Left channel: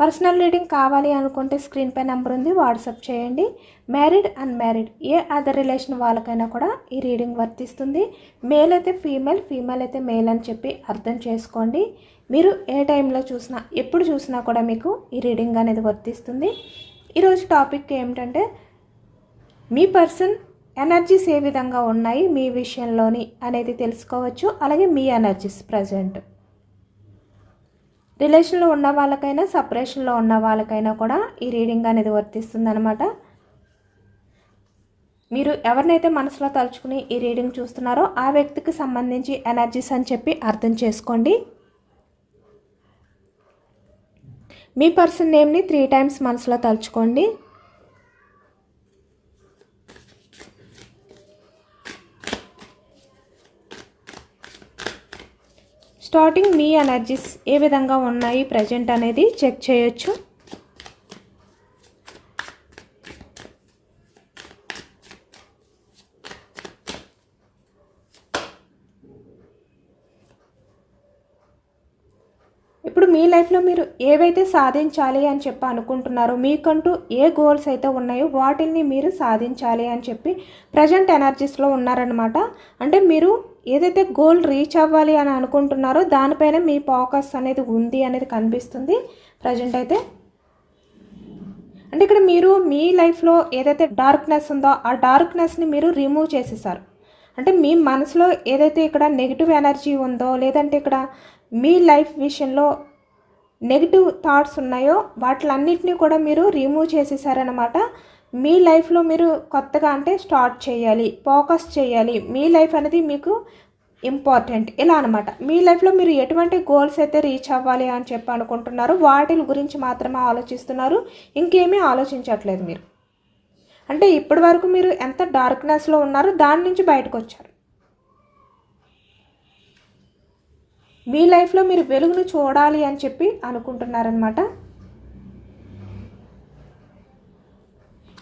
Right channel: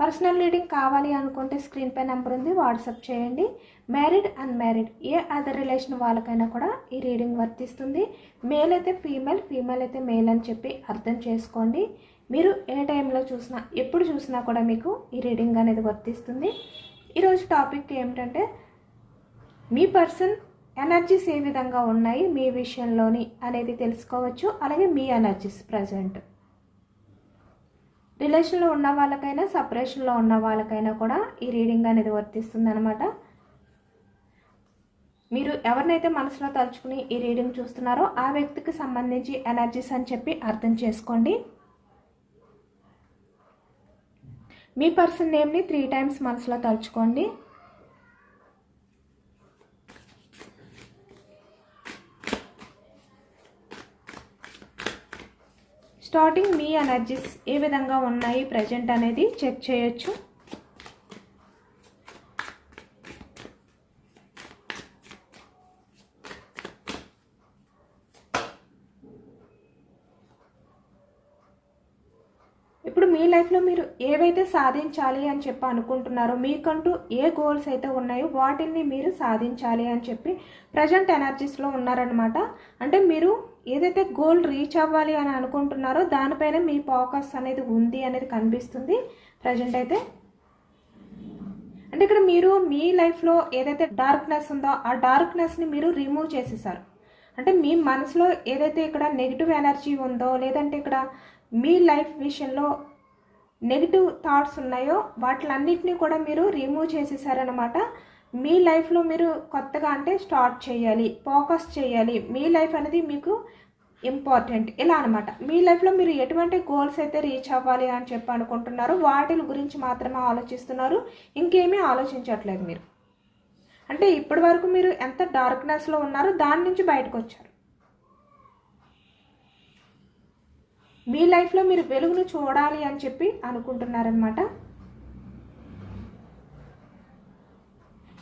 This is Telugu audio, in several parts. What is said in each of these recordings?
పర్సనల్ రీడింగ్ కావాలి అనుకుంటే స్క్రీన్ పై నెంబర్ ఉంది వాట్సాప్ చేయండి మ్యారీడ్ అన్మ్యారీడ్ ఏ అదర్ రిలేషన్ వాళ్ళకైనా కూడా ఈ రీడింగ్ వర్తిస్తుంది మేల్ అయితే ఫీమేల్ ఫీమేల్ అయితే మేల్ అని చెప్పి అర్థం చేసుకోండి మీరు ఏ టైంలో చూసినా ఎప్పుడు చూసినా కూడా మీకు ఈ రీడింగ్ అనేది వర్తిస్తుంది ఈరోజు టాపిక్ ఏమిటంటే మీ పర్సన్ ఎనర్జీస్ ఏ విధంగా ఉన్నాయి మీ విషయంలోని అనేది తెలుసుకోవచ్చు అలాగే మీ ఎనర్జీస్ ప్రజెంట్ రిలేషన్లో ఉన్న వాళ్ళకైనా సపరేషన్లో ఉన్న వాళ్ళకైనా కూడా ఈ రీడింగ్ అనేది వర్తిస్తుంది అనమాట మీరు ఎవరినైతే మనసులో తలుచుకుని ఈ రీడింగ్ చూస్తున్నారో ఆ వ్యక్తికి సంబంధించి ఎనర్జీస్ అని చెప్పి అర్థం చేసుకోండి మీ పర్సన్ నేమ్ని త్రీ టైమ్స్ మనసులో తలుచుకోండి స్టార్టింగ్ మీ ఎనర్జీస్ ఏ విధంగా ఉన్నాయి ప్రజెంట్ అనేది చెక్ చేయొచ్చు ఇప్పుడు మీ లైఫ్లో మీరు ఏవైతే సాధించాలి అని చెప్పి అనుకుంటున్నారో మీకంటూ ఏ గోల్స్ అయితే ఉన్నాయో వాటిని మీరు సాధించాలి అని చెప్పి ప్రజెంట్ ఎనర్జీస్లో ఉన్నారనమాట అంటే మీరు ఏదైతే గోల్ రీచ్ అవ్వాలి అని అనుకుంటున్నారో దానిపైన మీ ఫోకస్ అనేది ఉంది అనేది కనిపిస్తుంది ప్రజెంట్ అయితే అంటే ఇక్కడ మీరు మీ లైఫ్లో ఏదైతే డార్క్నెస్ ఉందో ఆ డార్క్నెస్ని మీరు రిమూవ్ చేసేసారు అంటే మీ మనసులో ఏదైతే ఇక్కడ నెగిటివ్ ఎనర్జీ ఉందో లేదంటే ఇక్కడ మీ లైఫ్ విషయంలో నెగిటివ్ థాట్స్ ఉన్నాయో వాటిలన్నింటినీ కూడా మీరు రిమూవ్ చేసేసారనమాట మీ లైఫ్లో మీరు కొత్తగా అంటే స్టార్ట్ చేయాలి ఫోకస్ చేయాలి మీ లైఫ్ అనేది మీకు ఇంపార్టెంట్ ఇలా అనమాట మీ లైఫ్లో మీరు ఎటువంటి గోల్స్ అయితే రీచ్ అవ్వాలి అని చెప్పి అనుకుంటున్నారు వాటి గురించి మాత్రమే ఆలోచిస్తున్నారు ఇంకేమీ ఆలోచించట్లేదు మీరు అంటే ఇప్పటి వరకు మీరు ఎంత డార్క్నెస్లో ఉన్నారో దాని నుంచి బయటకు వచ్చారు మీ లైఫ్లో మీరు వెలుగును చూడాలి అని చెప్పి అనుకుంటున్నారనమాట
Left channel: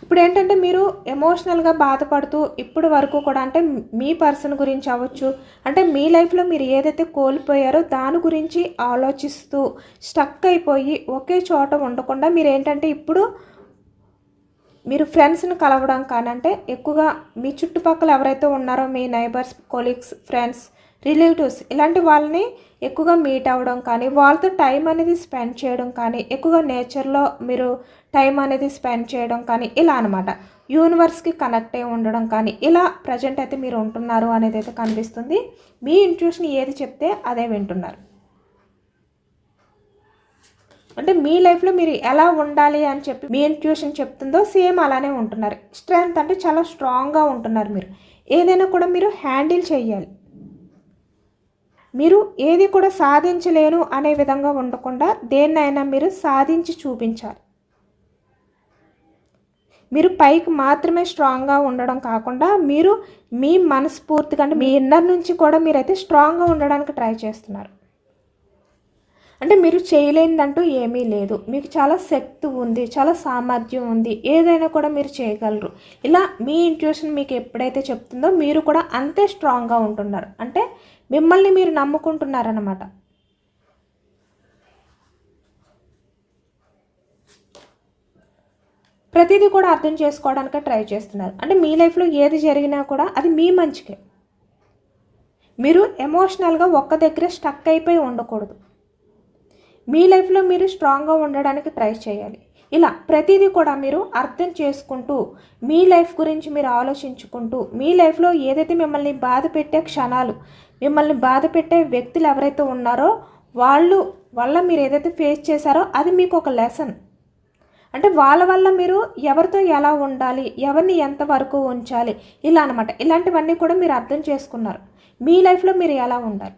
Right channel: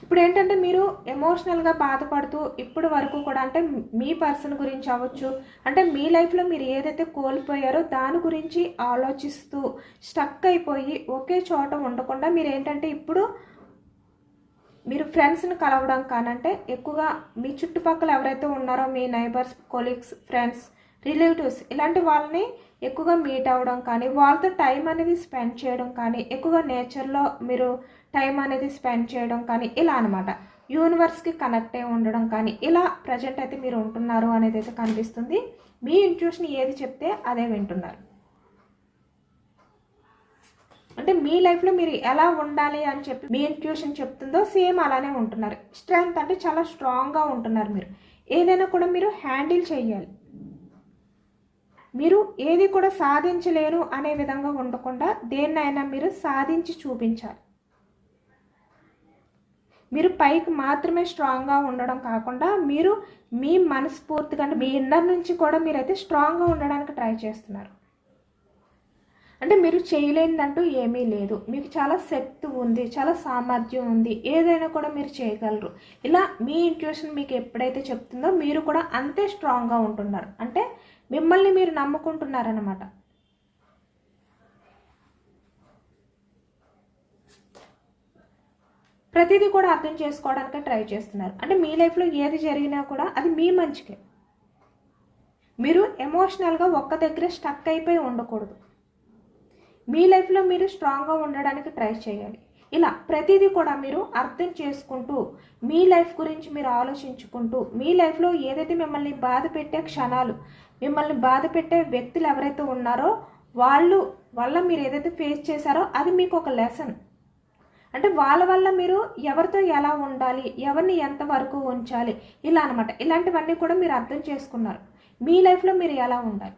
ఇప్పుడు ఏంటంటే మీరు ఎమోషనల్గా బాధపడుతూ ఇప్పుడు వరకు కూడా అంటే మీ పర్సన్ గురించి అవ్వచ్చు అంటే మీ లైఫ్లో మీరు ఏదైతే కోల్పోయారో దాని గురించి ఆలోచిస్తూ స్టక్ అయిపోయి ఒకే చోట ఉండకుండా మీరు ఏంటంటే ఇప్పుడు మీరు ఫ్రెండ్స్ని కలవడం కానంటే ఎక్కువగా మీ చుట్టుపక్కల ఎవరైతే ఉన్నారో మీ నైబర్స్ కొలీగ్స్ ఫ్రెండ్స్ రిలేటివ్స్ ఇలాంటి వాళ్ళని ఎక్కువగా మీట్ అవ్వడం కానీ వాళ్ళతో టైం అనేది స్పెండ్ చేయడం కానీ ఎక్కువగా నేచర్లో మీరు టైం అనేది స్పెండ్ చేయడం కానీ ఇలా అనమాట యూనివర్స్కి కనెక్ట్ అయి ఉండడం కానీ ఇలా ప్రజెంట్ అయితే మీరు ఉంటున్నారు అనేది అయితే కనిపిస్తుంది మీ ఇంట్యూషన్ ఏది చెప్తే అదే వింటున్నారు అంటే మీ లైఫ్లో మీరు ఎలా ఉండాలి అని చెప్పి మీ ఇంట్యూషన్ చెప్తుందో సేమ్ అలానే ఉంటున్నారు స్ట్రెంగ్త్ అంటే చాలా స్ట్రాంగ్గా ఉంటున్నారు మీరు ఏదైనా కూడా మీరు హ్యాండిల్ చేయాలి మీరు ఏది కూడా సాధించలేను అనే విధంగా ఉండకుండా దేన్నైనా మీరు సాధించి చూపించాలి మీరు పైకి మాత్రమే స్ట్రాంగ్గా ఉండడం కాకుండా మీరు మీ మనస్ఫూర్తిగా అంటే మీ ఇన్నర్ నుంచి కూడా మీరైతే స్ట్రాంగ్గా ఉండడానికి ట్రై చేస్తున్నారు అంటే మీరు చేయలేనిదంటూ ఏమీ లేదు మీకు చాలా శక్తి ఉంది చాలా సామర్థ్యం ఉంది ఏదైనా కూడా మీరు చేయగలరు ఇలా మీ ఇంట్యూషన్ మీకు ఎప్పుడైతే చెప్తుందో మీరు కూడా అంతే స్ట్రాంగ్గా ఉంటున్నారు అంటే మిమ్మల్ని మీరు నమ్ముకుంటున్నారన్నమాట ప్రతిదీ కూడా అర్థం చేసుకోవడానికే ట్రై చేస్తున్నారు అంటే మీ లైఫ్లో ఏది జరిగినా కూడా అది మీ మంచికే మీరు ఎమోషనల్గా ఒక్క దగ్గర స్టక్ అయిపోయి ఉండకూడదు మీ లైఫ్లో మీరు స్ట్రాంగ్గా ఉండడానికి ట్రై చేయాలి ఇలా ప్రతిదీ కూడా మీరు అర్థం చేసుకుంటూ మీ లైఫ్ గురించి మీరు ఆలోచించుకుంటూ మీ లైఫ్లో ఏదైతే మిమ్మల్ని బాధ పెట్టే క్షణాలు మిమ్మల్ని బాధ పెట్టే వ్యక్తులు ఎవరైతే ఉన్నారో వాళ్ళు వల్ల మీరు ఏదైతే ఫేస్ చేశారో అది మీకు ఒక లెసన్ అంటే వాళ్ళ వల్ల మీరు ఎవరితో ఎలా ఉండాలి ఎవరిని ఎంతవరకు ఉంచాలి ఇలా అనమాట ఇలాంటివన్నీ కూడా మీరు అర్థం చేసుకున్నారు మీ లైఫ్లో మీరు ఎలా ఉండాలి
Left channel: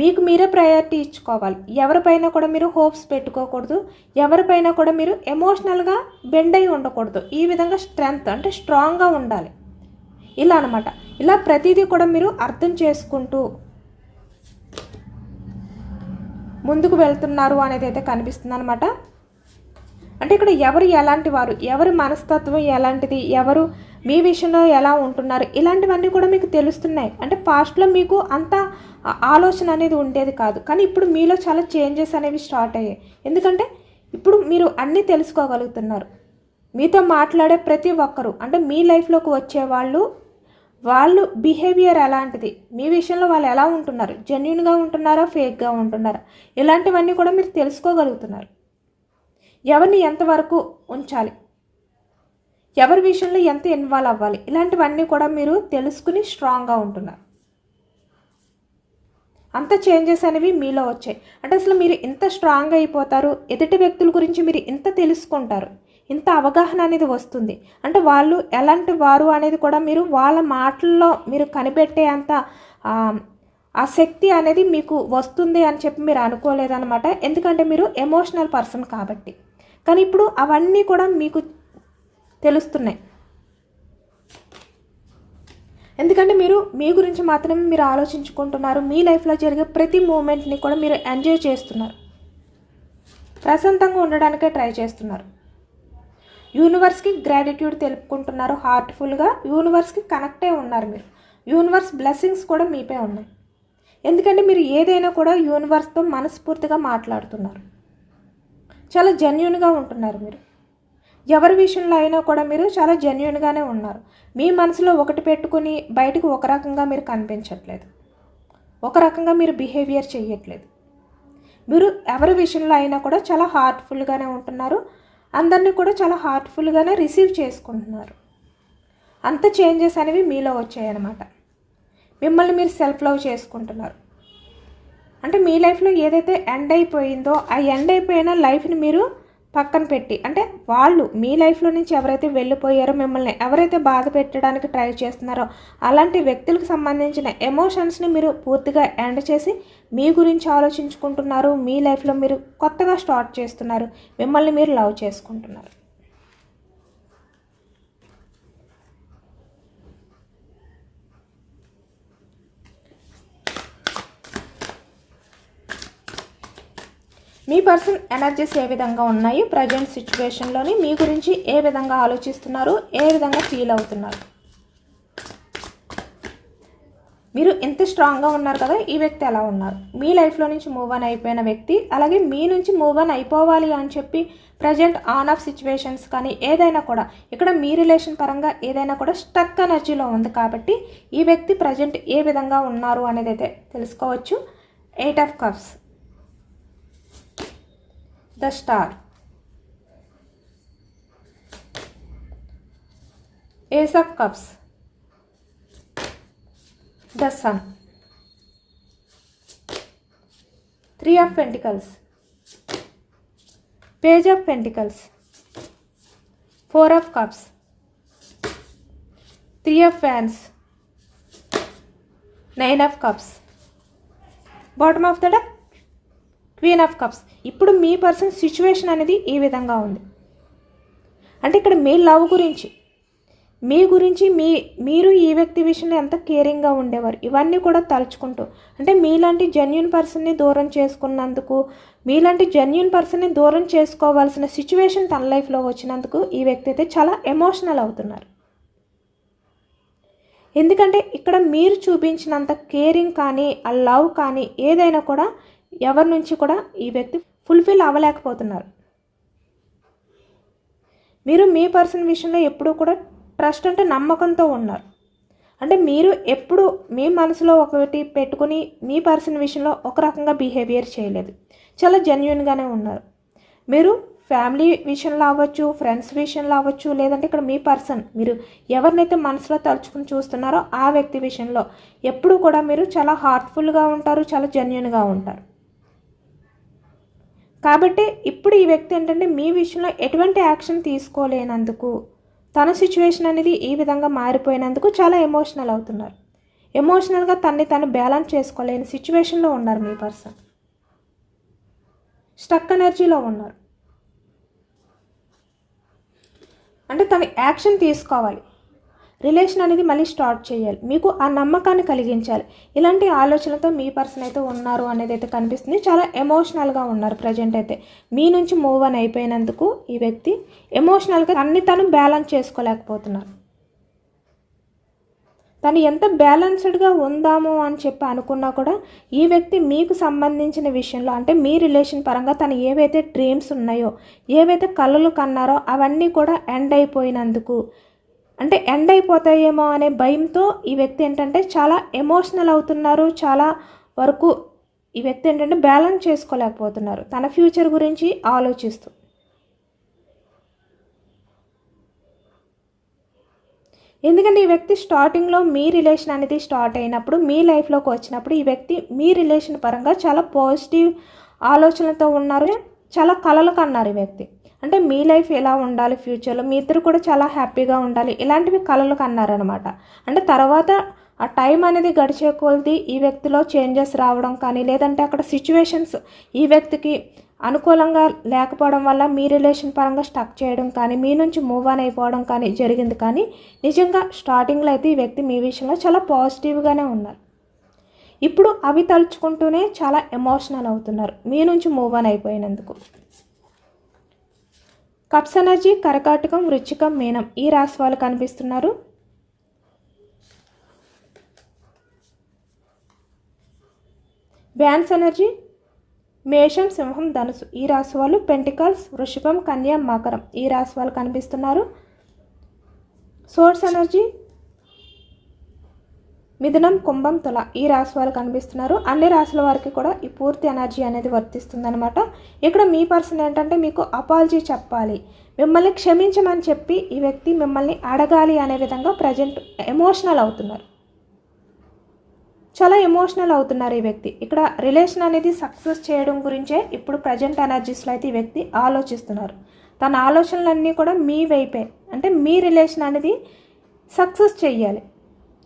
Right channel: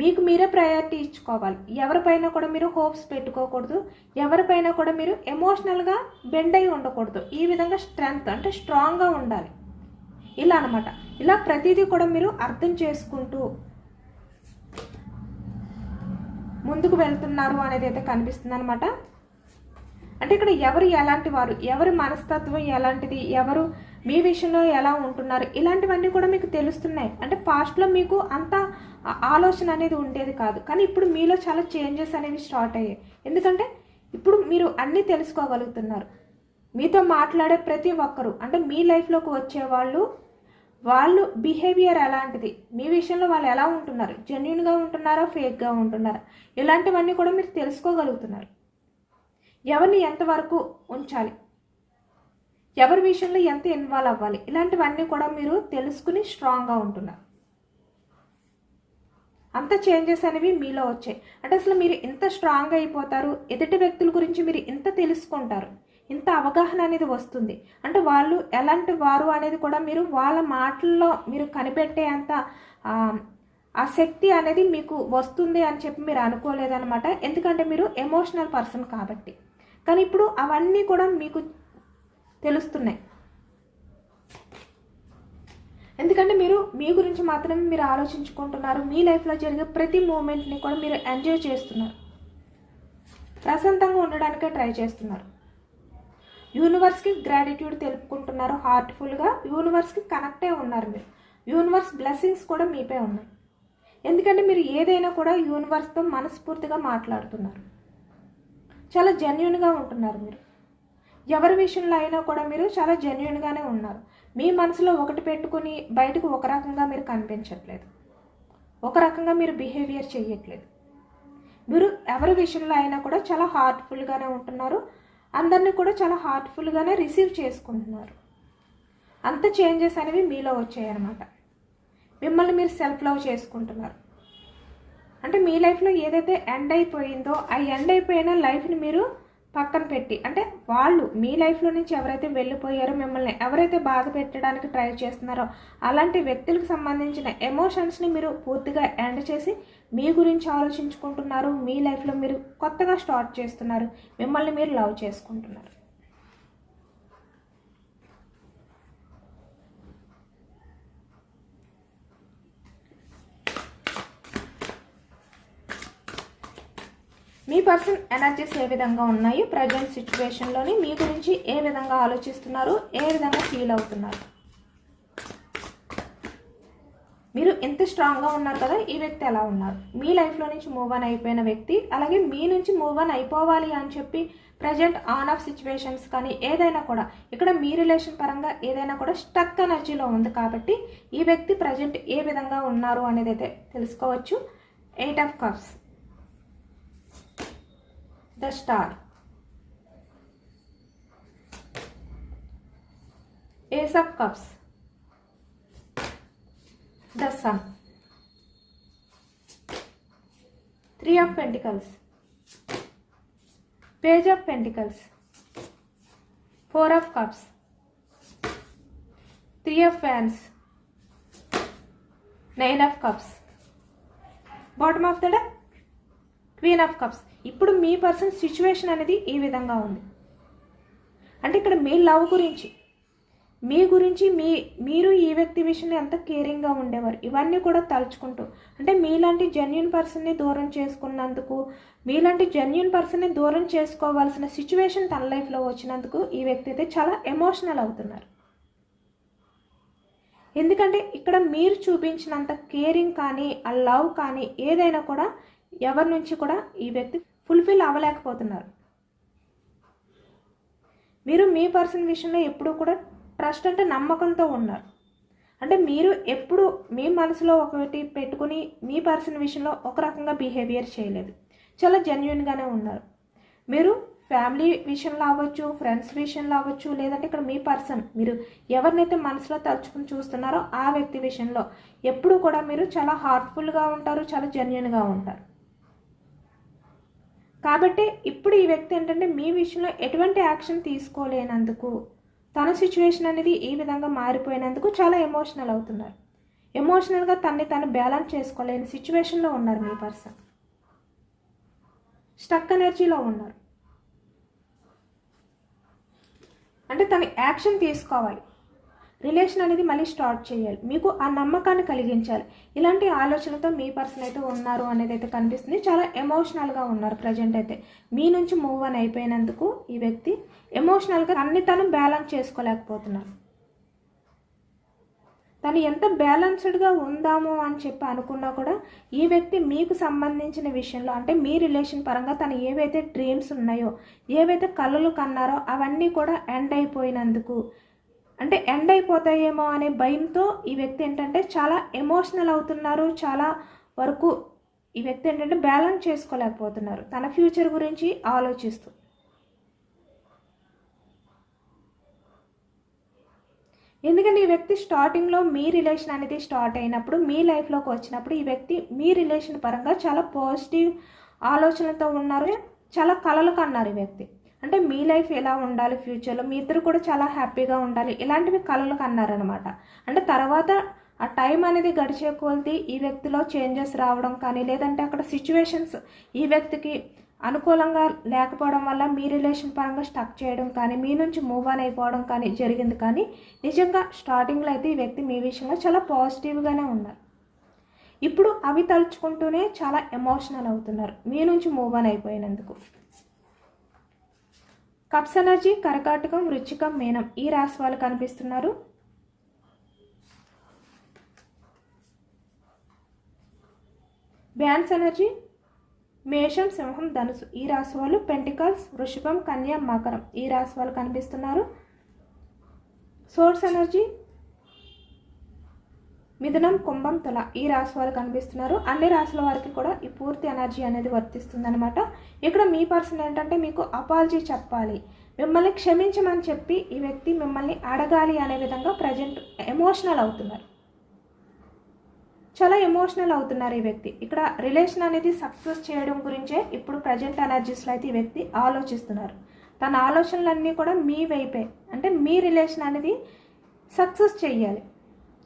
మీకు మీరే ప్రయారిటీ ఇచ్చుకోవాలి ఎవరిపైన కూడా మీరు హోప్స్ పెట్టుకోకూడదు ఎవరిపైన కూడా మీరు ఎమోషనల్గా బెండ్ అయి ఉండకూడదు ఈ విధంగా స్ట్రెంగ్త్ అంటే స్ట్రాంగ్గా ఉండాలి ఇలా అనమాట ఇలా ప్రతిదీ కూడా మీరు అర్థం చేసుకుంటూ ముందుకు వెళ్తున్నారు అనేది అయితే కనిపిస్తుంది అనమాట అంటే ఇక్కడ ఎవరు ఎలాంటి వారు ఎవరి మనస్తత్వం ఎలాంటిది ఎవరు మీ విషయంలో ఎలా ఉంటున్నారు ఇలాంటివన్నీ కూడా మీకు తెలుస్తున్నాయి అంటే పాస్ట్లో మీకు అంతా ఆలోచన అనేది ఉండేది కాదు కానీ ఇప్పుడు మీలో చాలా చేంజెస్ అనేవి స్టార్ట్ అయ్యాయి ఎందుకంటే ఇప్పుడు మీరు అన్నీ తెలుసుకోగలుగుతున్నారు మీతో మాట్లాడే ప్రతి ఒక్కరు అంటే మీ లైఫ్లోకి వచ్చే వాళ్ళు వాళ్ళు బిహేవియర్ ఎలాంటిది మీ విషయంలో వాళ్ళు ఎలా ఉంటున్నారు జెన్యున్గా ఉంటున్నారా ఫేక్గా ఉంటున్నారా ఇలాంటివన్నీ కూడా మీరు తెలుసుకోగలుగుతున్నారు ఎవరిని ఎంతవరకు ఉంచాలి ఎవరి విషయంలో ఎంత ఇన్వాల్వ్ అవ్వాలి ఇలాంటివన్నీ కూడా మీరు తెలుసుకుని స్ట్రాంగ్గా ఉంటున్నారు అంత చేంజెస్ అనేవి మీలో వచ్చాయి అంటే అసలు మీరు ఇంత స్ట్రాంగ్ అయిపోతారు ఎదుటి వ్యక్తుల గురించి మీరు ఇంత తెలుసుకుంటారు ఇంత అవగాహన అనేది వస్తుంది అంటే వాళ్ళు ఎలాంటి వారు అనేది కూడా మీరు వాళ్ళ మాటల్లో మీరు కనిపెట్టే అంత ఆ శక్తి అనేది మీకు వస్తుంది అని చెప్పి మీరు అనుకోలేదనమాట ఎందుకంటే మీరు ఎమోషనల్ పర్సన్ కాబట్టి కానీ ఇప్పుడు అవన్నీ కూడా మీకు తెలుస్తున్నాయి ఎందుకంటే మీరు మీ గురించి మాత్రమే మీరు ఆలోచించుకుంటున్నారు మీ లైఫ్లో జరిగే ప్రతి మూమెంట్ని కూడా మీరు ఎంజాయ్ చేస్తున్నారు ప్రశాంతంగా ఉండడానికే ట్రై చేస్తున్నారు యూనివర్స్కి గ్రాటిట్యూడ్ తెలుపుకుంటున్నారు హార్ట్ఫుల్గా యూనివర్స్కి కనెక్టే ఉన్నారు మీరు యూనివర్స్ బ్లెస్సింగ్స్ కూడా మీపై ఉన్నాయి ఎందుకంటే మీరు ఏదైనా కూడా యూనివర్స్తో మనస్ఫూర్తిగా మాట్లాడుతున్నారు చాలా జెన్యున్గా ఉంటున్నారు మీరు ఎవరి విషయంలో అయినా కూడా మీరు చాలా జెన్యున్గానే ఉన్నారు మీ మనసులో ఒకటి పెట్టుకుని బయటకు ఒక రకంగా మీరు కనిపించట్లేదు ఒక రకంగా మీరు బిహేవియర్ చేయట్లేదు మీరు ఎవరి విషయంలో అయినా కూడా చాలా హార్ట్ఫుల్గానే ఉంటున్నారు అందరినీ కూడా చాలా హార్ట్ఫుల్గానే రిసీవ్ చేసుకుంటున్నారు అంత చేంజెస్ అనేవి మీలో వచ్చాయన్నమాట మిమ్మల్ని మీరు సెల్ఫ్ లవ్ చేసుకుంటున్నారు అంటే మీ లైఫ్లో ఏదైతే ఎండ్ అయిపోయిందో ఆ ఎండ్ అయిపోయిన లైఫ్ని మీరు పక్కన పెట్టి అంటే వాళ్ళు మీ లైఫ్లో నుంచి ఎవరైతే వెళ్ళిపోయారో మిమ్మల్ని ఎవరైతే బాధ పెట్టడానికి ట్రై చేస్తున్నారో అలాంటి వ్యక్తులకు సంబంధించిన ఎమోషన్స్ని మీరు పూర్తిగా ఎండ్ చేసి మీ గురించి ఆలోచించుకుంటున్నారు మీ లైఫ్లో మీరు కొత్తగా స్టార్ట్ చేస్తున్నారు మిమ్మల్ని మీరు లవ్ చేసుకుంటున్నారు మీ పర్సన్ ఎనర్జీస్ ఏ విధంగా ఉన్నాయి ప్రజెంట్ సిచ్యువేషన్లోని మీ గురించి ఏ విధంగా ఆలోచిస్తున్నారు ఏ విధంగా ఫీల్ అవుతున్నారు మీరు ఎంత స్ట్రాంగ్గా ఉన్నారు కదా ఈ వ్యక్తి అలా ఉన్నారు మీ లైఫ్లో నుంచి మూవ్ ఆన్ అయిపోయిన వ్యక్తి అలాగే మీ నుంచి మూవ్ ఆన్ అయిపోవాలి అని చెప్పి ప్రజెంట్ ఆన్ ఆఫ్ సిచ్యువేషన్స్ కానీ ఏదైనా కూడా ఇక్కడ మీ రిలేషన్ పరంగా ఏదైనా కూడా స్టక్ ఎనర్జీలో ఉంది కాబట్టి ఈ వ్యక్తి ప్రజెంట్ ఏ విధంగా ఉన్నారు అనేది అయితే తెలుసుకోవచ్చు eight of cups the star. Ace of Cups, the Sun. Three of Pentacles, Page of Pentacles, Four of Cups, Three of Wands, Nine of Cups. Bottom of the deck, queen of cups ఇప్పుడు మీ పర్సన్ సిచ్యువేషన్ అనేది ఈ విధంగా ఉంది అంటే ఇక్కడ మీ లవ్ గురించి మీ గురించి మీ మీరు ఈ వ్యక్తి విషయంలో ఎంత కేరింగ్గా ఉండేవారు ఇవన్నీ కూడా తలుచుకుంటూ అంటే మీలాంటి జెన్యున్ పర్సన్ని దూరం చేసుకున్నందుకు మీలాంటి జెన్యున్ పర్సన్ని దూరం చేసుకోవాల్సిన సిచ్యువేషన్ తన లైఫ్లో వచ్చినందుకు ఈ వ్యక్తి అయితే చాలా ఎమోషనల్ అవుతున్నారు ఎందుకంటే ఇక్కడ మీరు చూపించినంత కేరింగ్ కానీ ఆ లవ్ కానీ ఏదైనా కూడా ఎవరి నుంచి కూడా ఈ వ్యక్తి ఫుల్ఫిల్ అవ్వలేకపోతున్నారు మీరు మీ పర్సన్ విషయంలో ఎప్పుడూ కూడా ట్రస్ట్ అంటే నమ్మకంతో ఉన్నారు అంటే మీరు ఎప్పుడు మీ మనసులో ఒకటి పెట్టుకుని మీ పర్సన్ విషయంలో ఒక రకంగా బిహేవియర్ చేయలేదు చాలా జెన్యున్గానే ఉన్నారు మీరు ఫ్యామిలీ విషయంలో అవ్వచ్చు ఫ్రెండ్స్ విషయంలో అవ్వచ్చు లేదంటే ఇక్కడ మీ పర్సన్ మీరు ఎవరినైతే మనసులో తలుచుకుని చూస్తున్నారో ఆ వ్యక్తి విషయంలో ఎప్పుడు కూడా మీరు చాలా హార్ట్ఫుల్గా ఉంటారు చాలా జెన్యున్గా ఉంటారు కాబట్టి ఇప్పుడు ఈ వ్యక్తి ఏంటంటే మీ విషయంలో ఎటువంటి యాక్షన్ తీసుకోలేనందుకు తన సిచ్యువేషన్ అనేది ఈ విధంగా మారిపోయినందుకు చాలా ఎమోషనల్ అవుతున్నారు ఎమోషనల్గా తన్ని తను బ్యాలెన్స్ చేసుకోలేని సిచ్యువేషన్లో ఉన్నారు మీ పర్సన్ స్టక్ ఎనర్జీలో ఉన్నారు అంటే తను యాక్షన్ తీసుకోవాలి రిలేషన్ అనేది మళ్ళీ స్టార్ట్ చేయాలి మీకు ఆ నమ్మకాన్ని కలిగించాలి ఇలాంటి ఆలోచనతో మీ పర్సన్ అయితే ఉన్నారు అనేది అయితే కనిపిస్తుంది చాలా ఎమోషనల్గా ఉన్నారు ప్రజెంట్ అయితే మీ నుంచి మూవ్ అని అయిపోయినందుకు ఈ వ్యక్తి ఎమోషనల్గా అన్ని తను బ్యాలెన్స్ చేసుకోలేకపోతున్నారు తను ఎంత బ్యాలెన్స్డ్గా ఉందాము అని చెప్పి అనుకున్నా కూడా ఈ వ్యక్తి మీకు సంబంధించిన విషయంలో అంటే మీ రిలేషన్ పరంగా తను ఏవైతే డ్రీమ్స్ ఉన్నాయో ఏవైతే కళలు కన్నారో అవన్నీ కూడా ఎండ్ అయిపోయినందుకు అంటే ఎండ్ అయిపోతాయేమో అనే భయంతో ఈ వ్యక్తి ఏంటంటే చాలా ఎమోషనల్ అవుతున్నారు చాలా వరకు ఈ వ్యక్తి ఏంటంటే బ్యాలెన్స్ చేసుకోలేకపోతున్నారు తన ఫ్యూచర్ గురించి ఆలోచిస్తూ ఎందుకంటే ఈ వ్యక్తి స్టార్టింగ్లో మీ రిలేషన్ అనేది స్టార్ట్ అయినప్పుడు మీ లైఫ్లోకి వచ్చినప్పుడు ఈ వ్యక్తి మీ రిలేషన్ పరంగా చాలా పాజిటివ్ ఆలోచనలతో ఉన్నారు చాలా కలలు కన్నారు ఈ వ్యక్తి అంటే మీ లైఫ్ ఎలా ఉండాలి ఫ్యూచర్లో మీ ఇద్దరు కూడా చాలా హ్యాపీగా ఉండాలి ఇలాంటివి కళలు కన్నారనమాట అంటే తర్వాత ఆ టైం అనేది గడిచే కొలది ఈ వ్యక్తిలో చేంజెస్ రావడం కానీ లేదంటే అక్కడ సిచ్యువేషన్స్ ఈ వ్యక్తికి అనుకూలంగా లేకపోవడం వల్ల మీ రిలేషన్ పరంగా స్టక్ చేయడం కానీ మీ నుంచి మూవ్ ఆన్ అయిపోవడం కానీ జరిగింది కానీ నిజంగా స్టార్టింగ్లో అయితే ఈ వ్యక్తి మీ విషయంలో చాలా పాజిటివ్గానే ఉన్నారు ఇప్పుడు అవి తలుచుకుంటూనే చాలా ఎమోషనల్ అవుతున్నారు మీ నుంచి మూవ్ ఆన్ అయిపోయినందుకు ఎనర్జీ కరకాటకం వృచ్చికం మీనం ఈ రాశి వాళ్ళు కనిపిస్తున్నారు బ్యాన్స్ ఎనర్జీ మేషం సింహం ధనుసు ఈ రాశి వాళ్ళు పెంటికల్స్ వృషభం కన్యా మకరం ఈ రాశి వాళ్ళు కనిపిస్తున్నారు సోర్స్ ఎనర్జీ మిథునం కుంభం తుల ఈ రాశి వాళ్ళు కనిపిస్తున్నారు అన్ని రాశుల వారికి కూడా ఈ పూర్తి ఎనర్జీ అనేది వర్తిస్తుందనమాట ఇక్కడ మీ పర్సన్ ఏంటంటే మీకు అపాలజీ చెప్పాలి మిమ్మల్ని క్షమించమని చెప్పి ఈ వ్యక్తి మిమ్మల్ని అడగాలి అనే విధంగా ప్రజెంట్ ఎమోషనల్ అవుతున్నారు చాలా ఎమోషనల్ అవుతున్నారు ఈ వ్యక్తి ఇక్కడ రిలేషన్ అనేది సక్సెస్ చేయడం గురించే ఇప్పుడు ప్రజెంట్ ఎనర్జీస్లో అయితే ఈ వ్యక్తి ఆలోచిస్తున్నారు తన ఆలోచనలన్నీ కూడా మీ వైపే అంటే మీ రిలేషన్ అనేది సక్సెస్ చేయాలి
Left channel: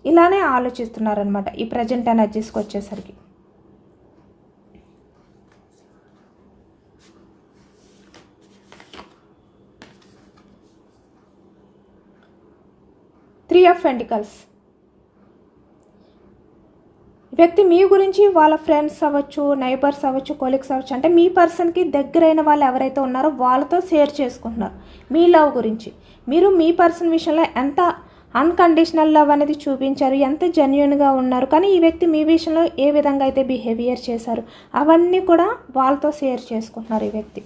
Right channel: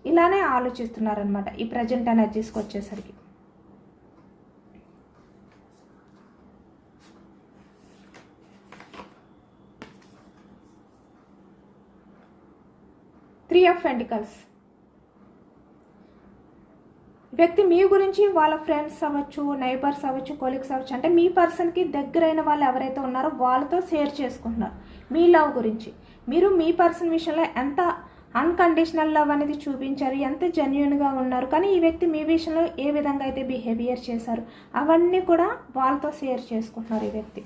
ఇలానే ఆలోచిస్తున్నారనమాట ఈ ప్రజెంట్ ఎనర్జీస్కి వచ్చేసరికి త్రీ ఆఫ్ ఎంటికల్స్ వ్యక్తి మీ గురించి వాళ్ళ ఫ్రెండ్స్ అవ్వచ్చు నైబర్స్ అవ్వచ్చు కొలీగ్స్ అవ్వచ్చు అంటే మీ పర్సన్కి దగ్గరైన వాళ్ళు ఎవరైతే ఉన్నారో వాళ్ళతో షేర్ చేసుకుంటున్నారు మీ లవ్ గురించి మీరు మీ పర్సన్ విషయంలో ఎంత అన్కండిషనల్ లవ్ అనేది చూపించారు ఎంత జెన్యున్గా ఉన్నారు కానీ ఈ వ్యక్తి మీ విషయంలో ఏ విధంగా అయితే బిహేవియర్ చేశారు అవన్నీ కూడా వాళ్ళతో షేర్ చేసుకుంటున్నారు ఈ వ్యక్తి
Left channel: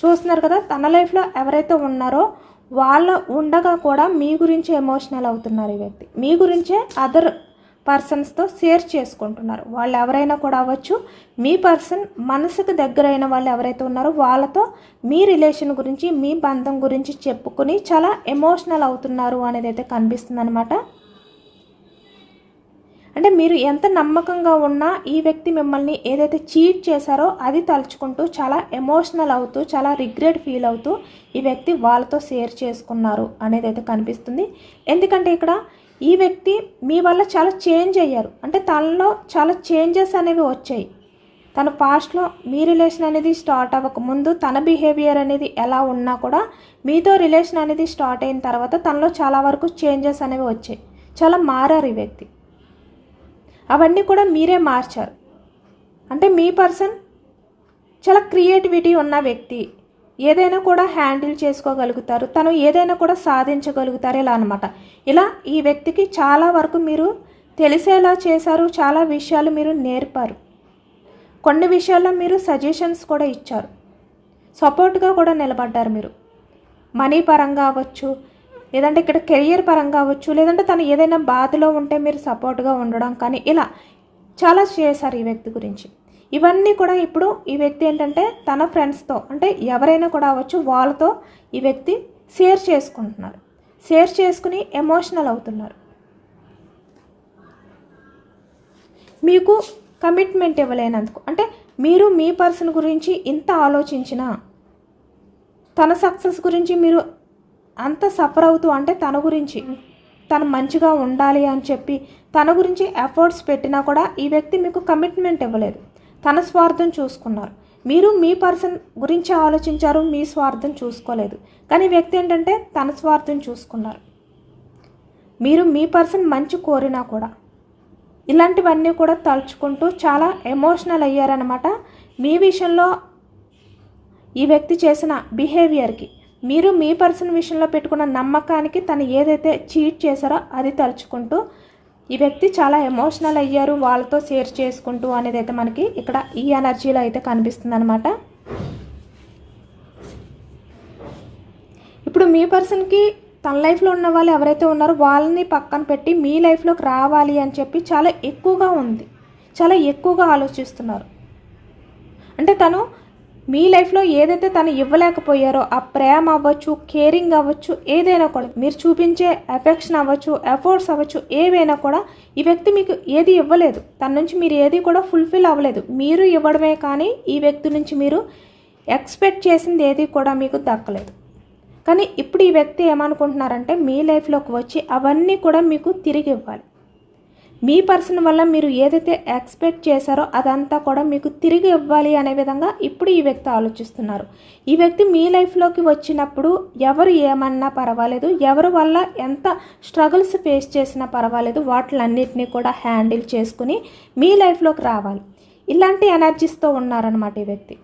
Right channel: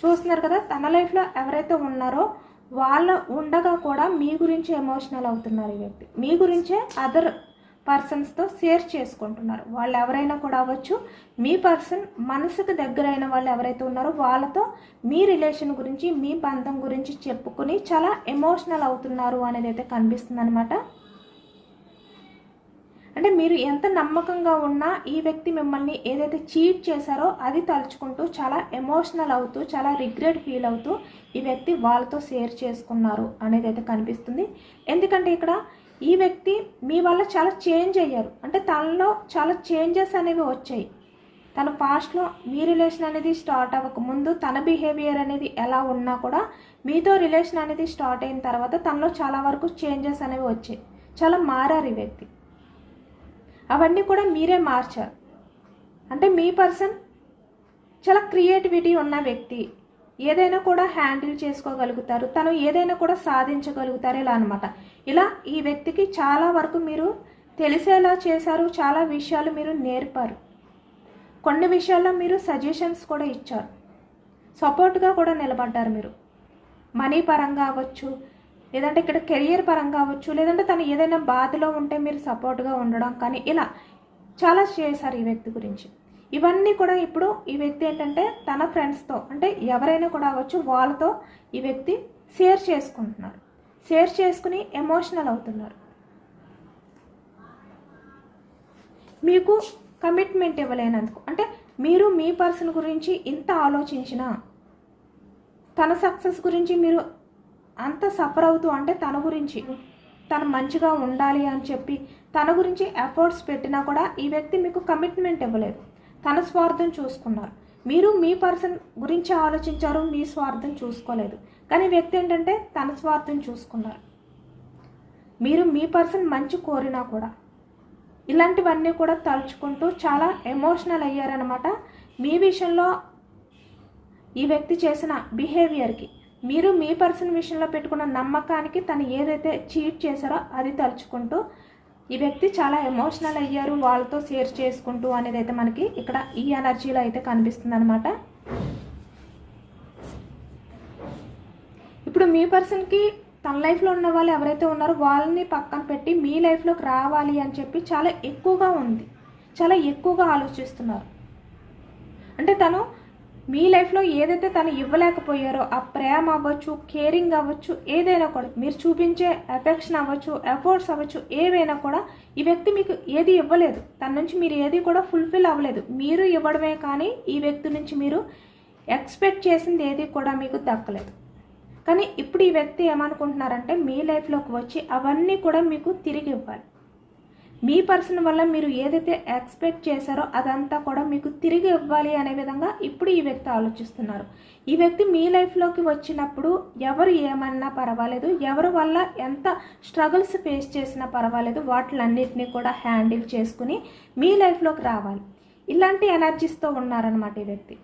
చూస్తున్నారు కదా తన లైఫ్లో ఎవరైతే ఉన్నారో వాళ్ళు ఉండగా కూడా మీ గురించి ఎమోషనల్ అవుతున్నారు ఈ వ్యక్తి మీ గురించే అదర్ పర్సన్స్తో షేర్ చేసుకుంటున్నారు వాళ్ళు ఎవరైనా కూడా అవ్వచ్చు మీ పర్సన్ మనసుకు దగ్గరైన వాళ్ళు ఎవరైతే ఉన్నారో వాళ్ళతో మీ రిలేషన్ గురించి మీ బంధం గురించి చెప్పుకుని చాలా ఎమోషనల్ అవుతున్నారు అనేది అయితే కనిపిస్తుంది అనమాట అంటే మీరు ఎంత నమ్మకంగా ఉన్నా ఈ వ్యక్తి మిమ్మల్ని ఏదైతే చీట్ చేశారో అది తలుచుకుంటూ చాలా ఎమోషనల్ అవుతూ చాలా రిగ్రెట్ ఫీల్ అవుతూ ఈ వ్యక్తి వాళ్ళతో షేర్ చేసుకున్నారు అనేది అయితే కనిపిస్తుంది ఎందుకంటే ఇక్కడ ఈ వ్యక్తి మీ వల్ల చాలా చేంజ్ అయ్యారు అంటే తనలో చాలా చేంజెస్ అనేవి వచ్చాయి తన పాస్ట్లో మీ రిలేషన్ అనేది స్టార్ట్ అవ్వకముందు తన బిహేవియర్ అనేది ఎలా ఉన్నా కూడా మీతో రిలేషన్ అనేది స్టార్ట్ అయిన తర్వాత తనలో చాలా వరకు చేంజెస్ అనేవి వచ్చాయి చాలా మారారు ఈ వ్యక్తి అవన్నీ కూడా మీరే మార్చారు అంటే మీ పర్సన్ చాలా క్రియేటివిటీ ఉన్న వ్యక్తి ఏదైనా కూడా హ్యాండిల్ చేసుకోగలుగుతారు తను ఏదైనా కూడా సాధించగలుగుతారు ఇలా అనమాట ఇలా ఈ వ్యక్తికి చాలా వరకు మీరు తెలిసేలా చేశారు చాలా విషయాలు మీరు నేర్పారు కొన్ని విషయాల్లో మీరు సజెషన్స్ కూడా ఇచ్చారు సపోర్ట్గా కూడా నిలబడ్డారు మీరు మనీ పరంగా అవ్వచ్చు లేదంటే ఇక్కడ కెరియర్ పరంగా అవ్వచ్చు లేదంటే తను ఏదైనా బాధలో ఉంటే మీరు సపోర్ట్గా ఉండడం కానీ ఇలా చాలా చేశారు ఈ వ్యక్తి గురించి ఇవన్నీ కూడా ఇప్పుడు ఈ వ్యక్తి ఏంటంటే తన ఫ్రెండ్స్తో అంటే ఎవరైనా కూడా అవ్వచ్చు వాళ్ళతో ఈ వ్యక్తి షేర్ చేసుకుంటున్నారు షేర్ చేసుకుని ఎమోషనల్ అవుతున్నారు మీకు కమిట్మెంట్ ఇవ్వలేనందుకు అంటే మీరు మీ పర్సన్ గురించి ఇంత ఆలోచించినా తన సక్సెస్ గురించి మీరు అంత సఫర్ అవుతూ అంటే తన గురించి తను మంచిగా ఉండాలి అని చెప్పి తన గురించి ఎఫర్ట్స్ పెట్టినా కూడా ఈ వ్యక్తి మీకు కమిట్మెంట్ ఇవ్వలేదు తన స్వార్థం చూసుకున్నారు మీరు మీ పర్సన్ గురించి ఆలోచించారు మీ స్వార్థం చూసుకోలేదు కానీ వ్యక్తి ఏంటంటే తన స్వార్థం చూసుకున్నారు మీరు మీ పర్సన్ మంచి కోరినా కూడా ఇలాంటివన్నీ కూడా తలుచుకుంటూ చాలా ఎమోషనల్ అయ్యారనమాట మీ విషయంలో ఈ వ్యక్తి చేసిన బిహేవియర్కి మీరు మీ పర్సన్ విషయంలో పెట్టుకున్న నమ్మకానికి తను ఏదైతే చీట్ చేశారో అది తలుచుకుంటూ ఈ వ్యక్తి చాలా ఎమోషనల్ అయ్యారు వాళ్ళతో షేర్ చేసుకుంటూ అనేది అయితే మనకి ఇక్కడ ఈ ఎనర్జీలో అయితే కనిపిస్తుంది అనమాట ఇప్పుడు మీ పర్సన్కి తన లైఫ్లో ఉన్న వాళ్ళు ఎవరైతే ఉన్నారో వాళ్ళని పక్కన పెట్టి మీ లైఫ్లోకి రావాలి అని చెప్పి చాలా ఎక్కువగా ఉంది చాలా ఎక్కువగా ఆలోచిస్తున్నారు అంటే తను మీ లైఫ్లో ఏదైతే తను ఇవ్వలేకపోయారో ఆ ప్రేమ అవ్వచ్చు కేరింగ్ అవ్వచ్చు ఏదైనా కూడా మీరు చూపించే ఎఫెక్షన్ అవ్వచ్చు ఎఫర్ట్స్ అవ్వచ్చు ఏవైనా కూడా ఈ వ్యక్తి మీకు ఏది ఇవ్వలేదు తన నుంచి మీరు ఏది కూడా ఫుల్ఫిల్ అవ్వలేదు మీరు ఇవ్వడమే కానీ ఈ వ్యక్తి నుంచి మీరు ఎక్స్పెక్ట్ చేసింది ఏది కూడా మీకు దక్కలేదు కానీ ఇప్పుడు ఈ వ్యక్తి ఏమనుకుంటున్నారంటే మీ లైఫ్లోకి వచ్చి అవన్నీ కూడా మీకు తిరిగి ఇవ్వాలి మీ పర్సన్ వల్ల మీరు ఏదైతే ఎక్స్పెక్ట్ చేశారో అదంతా కూడా మీకు తిరిగి ఇవ్వాలి అనే విధంగా ఇప్పుడు ఈ వ్యక్తి ఆలోచిస్తున్నారు ఈ వ్యక్తి మీ లైఫ్లోకి వచ్చినప్పుడు ఎవరు ఏమన్నా పర్వాలేదు ఎవరి వల్ల ఎంత స్ట్రగుల్స్ ఫేస్ చేసినా పర్వాలేదు వాటిలన్నింటినీ కూడా హ్యాండిల్ చేసుకుని మీ లైఫ్లోకి రావాలి ఇలాంటి ఎనర్జీస్తో ఉన్నారనమాట ఈ వ్యక్తి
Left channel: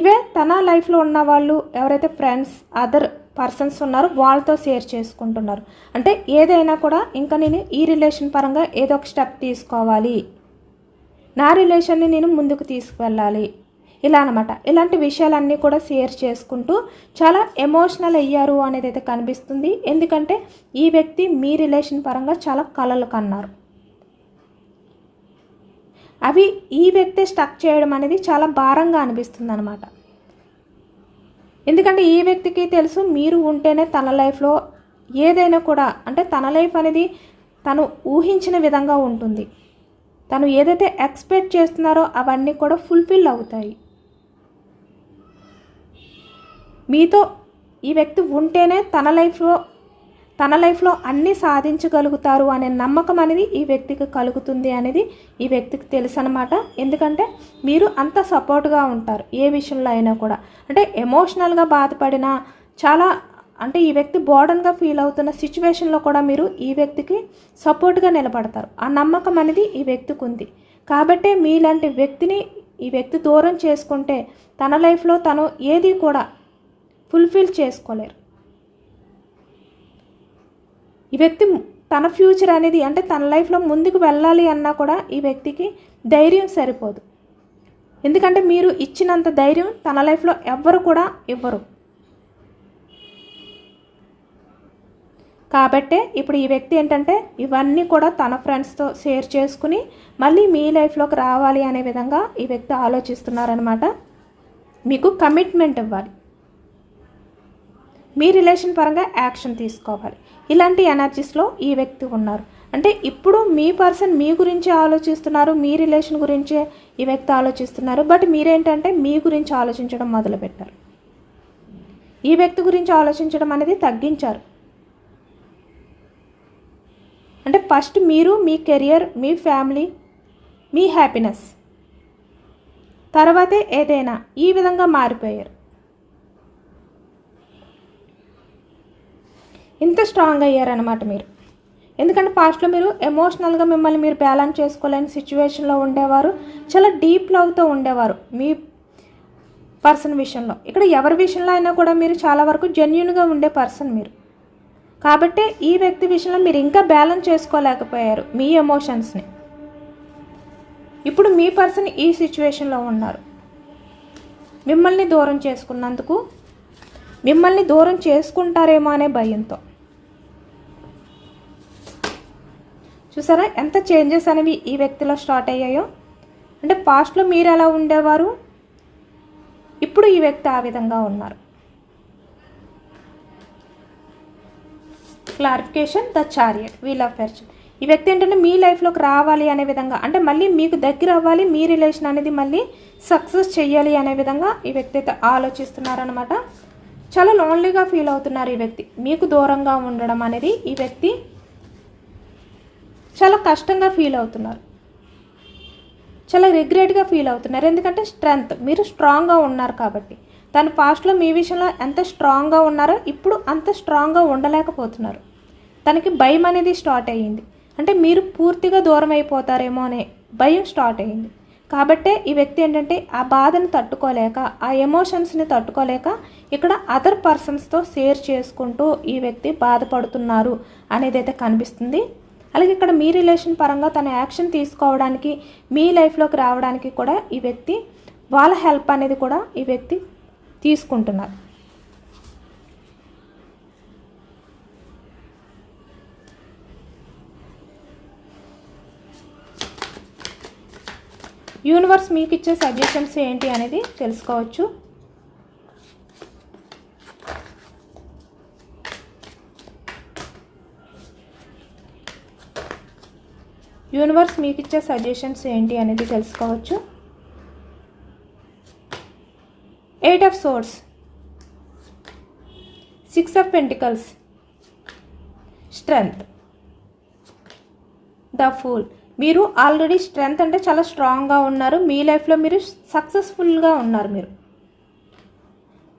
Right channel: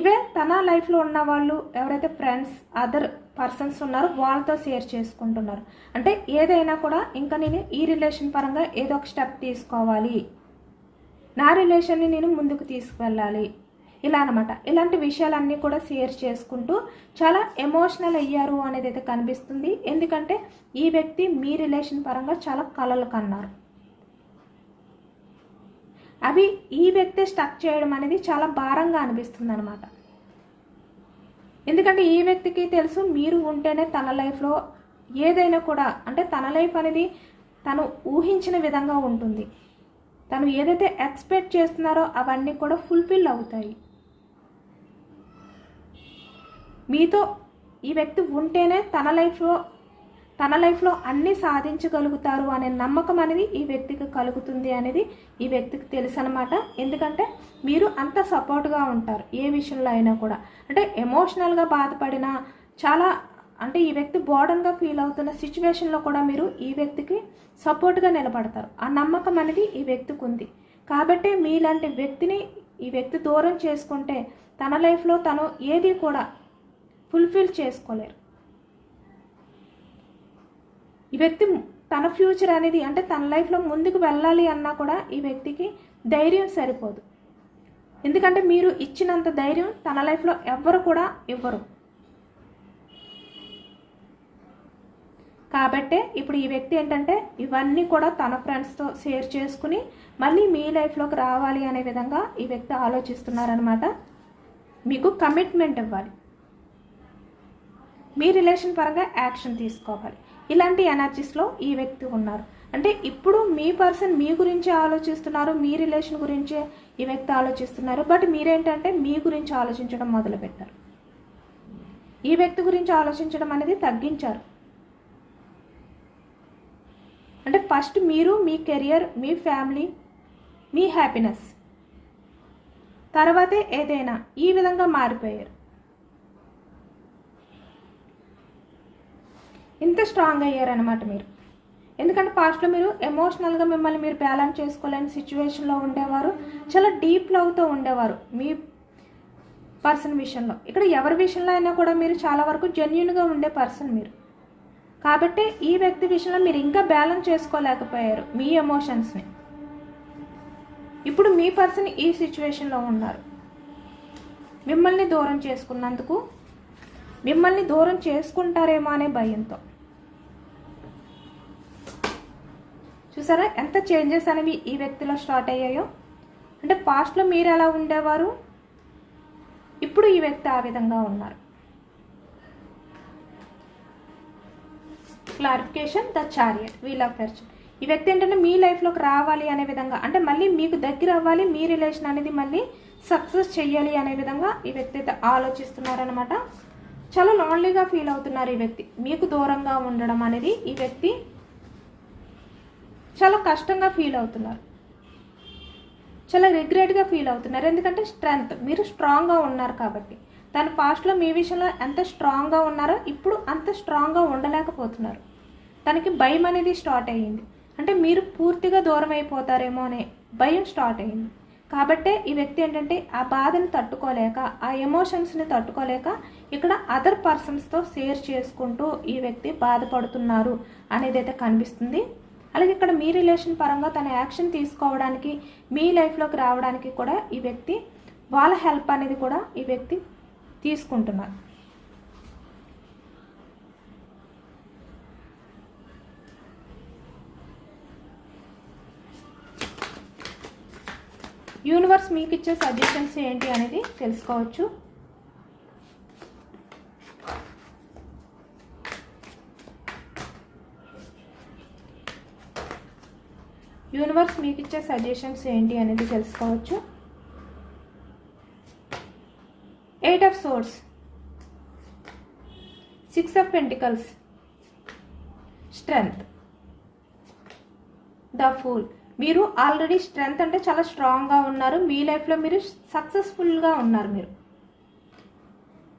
ఇవే తన లైఫ్లో ఉన్న వాళ్ళు ఎవరైతే ఫ్రెండ్స్ అదర్ పర్సన్స్ ఉన్నారు వాళ్ళతో షేర్ చేసుకుంటున్నారు అంటే ఏదైనా కూడా ఇంకా నేను ఈ రిలేషన్ పరంగా ఏదో ఒక స్టెప్ తీసుకోవాలి నా రిలేషన్ని నేను ముందుకు తీసుకువెళ్ళాలి ఇలా అనమాట ఇలాంటి విషయాలన్నీ కూడా షేర్ చేసుకుంటూ చాలా ఎమోషనల్ అయ్యారు అనేది అయితే కనిపిస్తుంది ఎందుకంటే ఈ వ్యక్తి మీ రిలేషన్ పరంగా చాలా కలలు కన్నారు అవి ఈ వ్యక్తి స్టక్ చేయడం అనేది చాలా భారంగా అనిపిస్తుంది అనమాట ఎందుకంటే ఈ వ్యక్తికి తెలుసు మీరు ఉంటేనే తన లైఫ్లో ఏదైనా కూడా అంటే తన లైఫ్ అనేది తను ఊహించిన విధంగా ఉంటుంది తను ఏదైతే ఎక్స్పెక్ట్ చేస్తున్నారో అవన్నీ కూడా ఫుల్ఫిల్ అవుతాయి మీతో ఈ వ్యక్తి ఉంటేనే తన లైఫ్లో తన లైఫ్లో అన్నీ సాధించగలుగుతారు అనే నమ్మకం అనేది ఈ వ్యక్తికి కలుగుతుంది అనేది ఈ వ్యక్తికి తెలుసు అనమాట ఎందుకంటే మీరు అంత సపోర్ట్గా ఉంటారు ఏ విషయంలో అయినా కూడా అంటే ఎమోషనల్గా బాధపడిన చాలా అంటే ఈ వ్యక్తి బోర్డన్గా ఫీల్ అవుతున్న సిచ్యువేషన్లో కూడా మీరు ఈ వ్యక్తికి సపోర్ట్గా నిలబడతారు ఆ నమ్మకం అనేది ఈ వ్యక్తికి ఉంది కాబట్టే మీలాంటి వ్యక్తిని ఈ వ్యక్తి దూరం చేసుకుంటే తన లైఫ్లో తను ఏది కూడా ఫుల్ఫిల్ చేసుకోలేరు ఈ వ్యక్తి తన ఫ్యూచర్ అనేది అంటే తన లైఫ్లో ముందుకు వెళ్ళాలి అన్నా కూడా ఈ వ్యక్తికి ధైర్యం సరిపోదు ఎందుకంటే మీరు ఇచ్చినంత ధైర్యం తన లైఫ్లో ఎవ్వరు కూడా ఇవ్వరు కాబట్టే ఇప్పుడు ఈ వ్యక్తి ఏంటంటే ఇవన్నీ కూడా తన ఫ్రెండ్స్తో షేర్ చేసుకుని మళ్ళీ మీ లైఫ్లోకి రావాలి అనే విధంగా ఈ వ్యక్తి ఆలోచిస్తున్నారనమాట మీకు కమిట్మెంట్ ఇవ్వాలి మీ రిలేషన్ పరంగా యాక్షన్ తీసుకోవాలి ఇలాంటి ఎనర్జీస్లో ఈ వ్యక్తి ఉన్నారు అంటే ఇప్పుడు మీ పర్సన్ మీ గురించే ఆలోచిస్తున్నారు మీ రిలేషన్ గురించే ఈ వ్యక్తి ఆలోచిస్తున్నారు బట్ మీరేంటంటే మీ గురించి ఆలోచించడం మొదలుపెట్టారు ఈ వ్యక్తి గురించి ఆలోచించడం అనేది తగ్గించారు అంటే ఫస్ట్ మీరు మీ కెరియర్ మీ ఫ్యామిలీ మీ హ్యాపీనెస్ తర్వాతే ఏదైనా ఈ విధంగా మారిపోయారు ఇంత స్ట్రాంగ్ అయ్యారనమాట మీరు ఎందుకంటే పాస్ట్లో మీరు ఎమోషనల్గా మిమ్మల్ని మీరు బ్యాలెన్స్ చేసుకోలేని సిచ్యువేషన్లో ఉండేవారు చాలా డీప్ లవ్తో ఉండేవారు మీ పర్సన్ విషయంలో ఇక్కడ ఎవరి విషయంలో అయినా కూడా మీరు చాలా వరకు జెన్యున్గా ఉండే పర్సన్ మీరు కాబట్టి ఈ వ్యక్తి విషయంలో మీరు ఇంకా బ్యాలెన్స్ చేసుకోలేకపోయారు మీ ఎమోషన్స్ని ఇప్పుడు మీ పర్సన్ ఈ సిచ్యువేషన్లో ఉన్నారు మిమ్మల్ని దూరం చేసుకున్నందుకు మిమ్మల్ని దూరం చేసుకుంటారేమో అనే భయంతో చూసారా ఎంత చేంజెస్ అనేవి ఈ వ్యక్తిలో స్టార్ట్ అయ్యాయో అంటే పాస్ట్లో మీరు ఎలా ఉండేవారు ఇప్పుడు ఈ వ్యక్తి ఆ విధంగా ఉన్నారు clarification the chariot wheel of fortune ఈ వ్యక్తి ఏంటంటే మీ లైఫ్లోకి రావాలి అనే విధంగా అంటే మళ్ళీ మీకు దగ్గర అవ్వాలి మీ రిలేషన్ అనేది మళ్ళీ సక్సెస్ చేయాలి అనే విధంగా ఈ వ్యక్తి అయితే ఆలోచిస్తున్నారనమాట చాలా లోన్లీగా ఫీల్ అవుతున్నారు ఈ వ్యక్తి మీకు దూరంగా ఉండడం అనేది ఈ వ్యక్తి చాలా కష్టంగా ఫీల్ అవుతున్నారు చాలా రిగ్రెట్గా ఫీల్ అవుతున్నారు ఎందుకంటే స్ట్రెంగ్త్ మీరు స్ట్రాంగ్గా ఉన్నారు కాబట్టి తను పాస్ట్లో మీ విషయంలో ఎంత స్ట్రాంగ్గా ఉన్నారో ఇప్పుడు అంత స్ట్రాంగ్గా ఉండలేకపోతున్నారు తనకి భయం అనేది స్టార్ట్ అయ్యింది అంటే మీరు పూర్తిగా దూరం అయిపోతారేమో అనే భయం స్టార్ట్ అయ్యింది కాబట్టే ఈ వ్యక్తి ఏంటంటే ఆ బాధను తట్టుకోలేక ఆ ఎమోషన్స్ని తట్టుకోలేక ఇక్కడ అదర్ పర్సన్స్తో షేర్ చేసుకుంటూ ఈ వ్యక్తి బాధపడుతున్నారు అనేది అయితే కనిపిస్తుంది అలాగే ఇక్కడ మీ రిలేషన్ పరంగా తన యాక్షన్ తీసుకోవడానికి మీ లైఫ్లోకి రావడానికి కూడా ఈ వ్యక్తి వాళ్ళ హెల్ప్ అనేది కూడా ఈ వ్యక్తి తీసుకుంటున్నారు యూనివర్స్ మీకు ఇచ్చే సజెషన్స్ ఏంటి అనేది తెలుసుకోవచ్చు యూనివర్స్ మీకు ఇచ్చే సజెషన్స్ ఏంటి అనేది తెలుసుకోవచ్చు eight of swords six of pentacles strength the fool మీరు ఆల్రెడీ స్ట్రెంగ్త్ అంటే చాలా స్ట్రాంగ్గా ఉన్నారు మీ లైఫ్లో మీరు సక్సెస్ఫుల్గా ఉన్నారు మీరు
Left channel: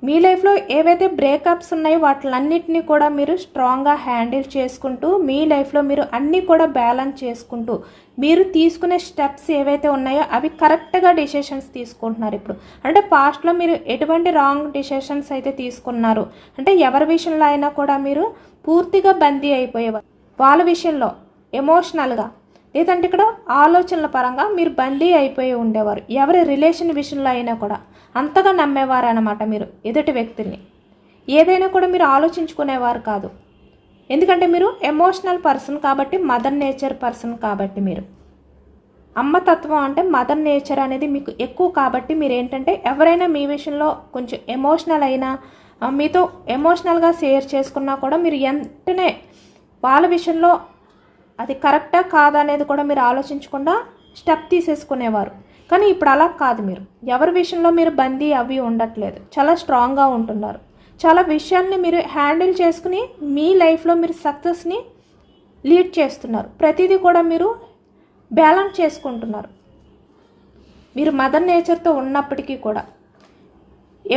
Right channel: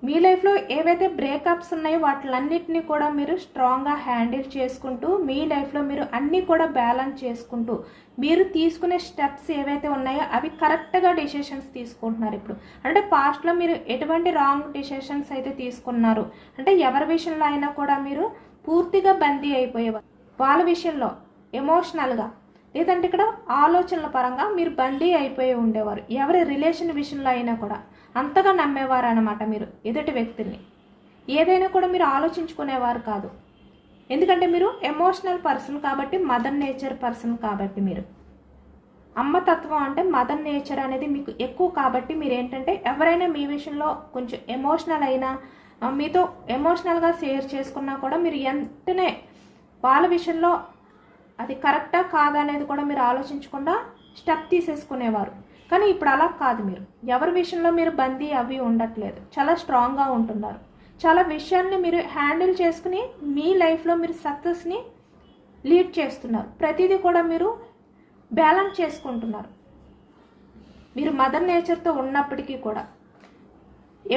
మీ లైఫ్లో ఏవైతే బ్రేకప్స్ ఉన్నాయో వాటిలన్నింటినీ కూడా మీరు స్ట్రాంగ్గా హ్యాండిల్ చేసుకుంటూ మీ లైఫ్లో మీరు అన్నీ కూడా బ్యాలెన్స్ చేసుకుంటూ మీరు తీసుకునే స్టెప్స్ ఏవైతే ఉన్నాయో అవి కరెక్ట్గా డిసిషన్స్ తీసుకుంటున్నారు ఇప్పుడు అంటే పాస్ట్లో మీరు ఎటువంటి రాంగ్ డిసిషన్స్ అయితే తీసుకున్నారు అంటే ఎవరి విషయంలో అయినా కూడా మీరు పూర్తిగా బందీ అయిపోయేవారు వాళ్ళ విషయంలో ఎమోషనల్గా లేదంటే ఇక్కడ ఆలోచనల పరంగా మీరు బందీ అయిపోయి ఉండేవారు ఎవరి రిలేషన్ విషయంలో అయినా కూడా అంతగా నమ్మేవారన్నమాట మీరు ఎదుటి వ్యక్తుల్ని ఏదైనా కూడా మీరు ఆలోచించుకునేవారు కాదు ఎందుకంటే మీరు ఎమోషనల్ పర్సన్ కాబట్టి మదర్ నేచర్ పర్సన్ కాబట్టి మీరు అమ్మ తత్వం అంటే మదర్ నేచర్ అనేది మీకు ఎక్కువ కాబట్టి మీరు ఏంటంటే ఎవరైనా మీ విషయంలో కొంచెం ఎమోషనల్ అయినా మీతో ఎమోషనల్గా షేర్ చేసుకున్నా కూడా మీరు వెంటనే వాళ్ళ విషయంలో అది కరెక్టా కాదా అనేది కూడా మీరు ఆలోచించకుండా స్టెప్ తీసేసుకునేవారు కానీ ఇప్పుడు అలా కాదు మీరు ఎవరి విషయంలో మీరు బందీ అవి ఉండట్లేదు చాలా స్ట్రాంగ్గా ఉంటున్నారు చాలా విషయాల్ని మీరు హ్యాండిల్ చేసుకుని మీ లైఫ్లో మీరు సక్సెస్ని లీడ్ చేస్తున్నారు ప్రతిదీ కూడా మీరు బ్యాలెన్స్ చేసుకుంటున్నారు మీరు మదర్ నేచర్తో ఉన్నప్పటికీ కూడా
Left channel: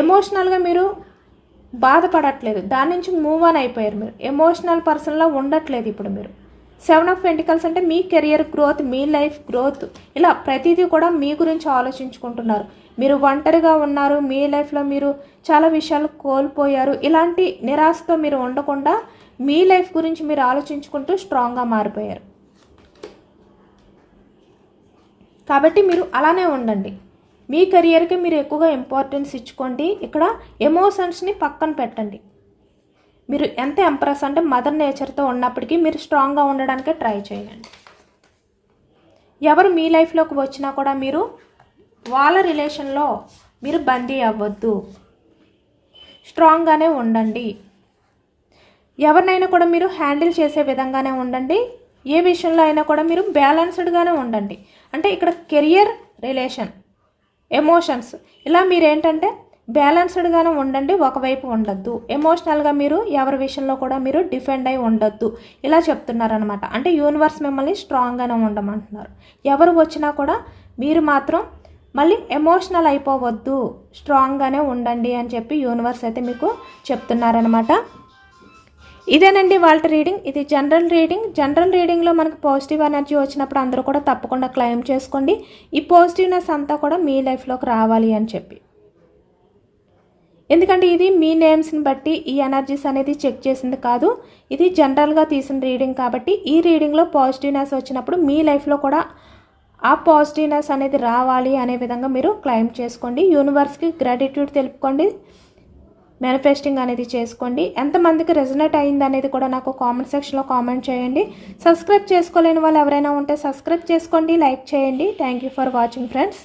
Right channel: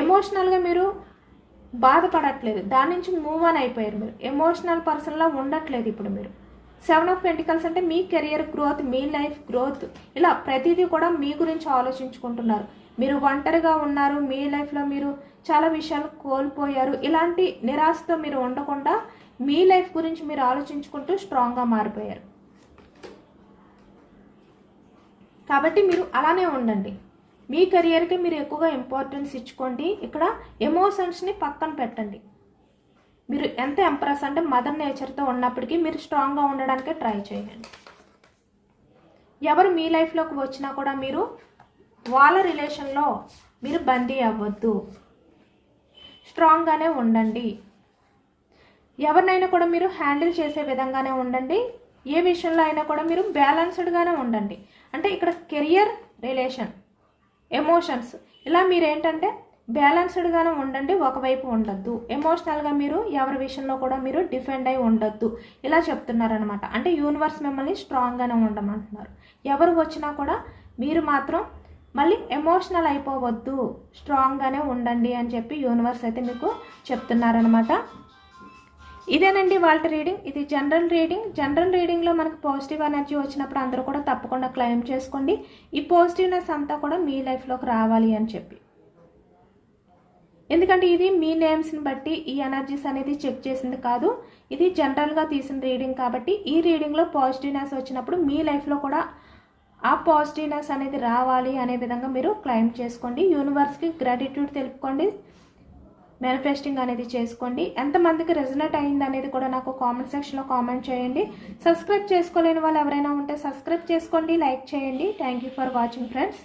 ఎమోషనల్గా మీరు బాధపడట్లేదు దాని నుంచి మూవ్ ఆన్ అయిపోయారు మీరు ఎమోషనల్ పర్సన్లో ఉండట్లేదు ఇప్పుడు మీరు సెవెన్ ఆఫ్ పెంటికల్స్ అంటే మీ కెరియర్ గ్రోత్ మీ లైఫ్ గ్రోత్ ఇలా ప్రతిదీ కూడా మీ గురించి ఆలోచించుకుంటున్నారు మీరు ఒంటరిగా ఉన్నారు మీ లైఫ్లో మీరు చాలా విషయాలు కోల్పోయారు ఇలాంటి నిరాశతో మీరు ఉండకుండా మీ లైఫ్ గురించి మీరు ఆలోచించుకుంటూ స్ట్రాంగ్గా మారిపోయారు కాబట్టి మీరు అలానే ఉండండి మీ కెరియర్కి మీరు ఎక్కువగా ఇంపార్టెన్స్ ఇచ్చుకోండి ఇక్కడ ఎమోషన్స్ని పక్కన పెట్టండి మీరు ఎంత ఎంప్రెస్ అంటే మదర్ నేచర్తో ఉన్నప్పటికీ మీరు స్ట్రాంగ్గా ఉండడానికి ట్రై చేయండి ఎవరు మీ లైఫ్లోకి వచ్చినా కూడా మీరు వాళ్ళ రిలేషన్లో మీరు బందీ అవ్వద్దు స్ట్రాంగ్గానే ఉండండి ఎవరినైనా కూడా మీరు హ్యాండిల్ చేసే విధంగానే ఉండండి ఏ విషయంలో అయినా కూడా మీరు బ్యాలెన్స్డ్గానే ఉండండి అంటే ఇక్కడ కెరియర్ రిలేషన్ ఎమోషన్స్ ఇలా మీరేంటంటే బ్యాలెన్స్డ్గానే ఉండండి ఒకవైపు ఉండొద్దు ఎమోషనల్గా మీరు ఎవరి విషయంలో కూడా మీరు డిఫెండ్ అయి ఉండొద్దు ఇలా చెప్తున్నారనమాట అంటే యూనివర్స్ మిమ్మల్ని స్ట్రాంగ్గానే ఉండమంటున్నారు ఎవరు వచ్చినా కూడా మీరు మాత్రం మళ్ళీ ఎమోషనల్ అయిపోవద్దు స్ట్రాంగ్గానే ఉండండి అని చెప్పి యూనివర్స్ అయితే మీకు చెప్తున్నారనమాట ఇదేనండి వాళ్ళ రీడింగ్ ఇది జనరల్ రీడింగ్ జనరల్ రీడింగ్లో మనకు పాజిటివ్ ఎనర్జీ వచ్చినప్పుడు అందరూ కూడా తప్పకుండా క్లెయిమ్ చేసుకోండి ఈ పాజిటివ్నెస్ అంతా కూడా మీ లైఫ్లోకి రావాలి అని చెప్పి ఎందుకంటే ఇది మీ నేమ్స్ని బట్టి ఈ ఎనర్జీస్ అనేది చెక్ చేసింది కాదు ఇది జనరల్గా తీసిన రీడింగ్ కాబట్టి ఈ రీడింగ్లో పాజిటివ్నెస్ వచ్చినప్పుడు మీ లైఫ్లో కూడా ఆ పాజిటివ్నెస్ అనేది రావాలి అనే విధంగా మీరు క్లైమ్ చేసుకోండి యూనివర్స్కి గ్రాటిట్యూడ్ తెలుపుకోండి మేనిఫెస్టింగ్ అనేది చేసుకోండి ఎంతమందికి రెజనేట్ అయింది అనేది కూడా నాకు కామెంట్ సెక్షన్లో కామెంట్ చేయండి సబ్స్క్రైబ్ చేసుకోలేని వాళ్ళు ఎవరైనా ఉంటే సబ్స్క్రైబ్ చేసుకోండి లైక్ చేయండి thank you for watching friends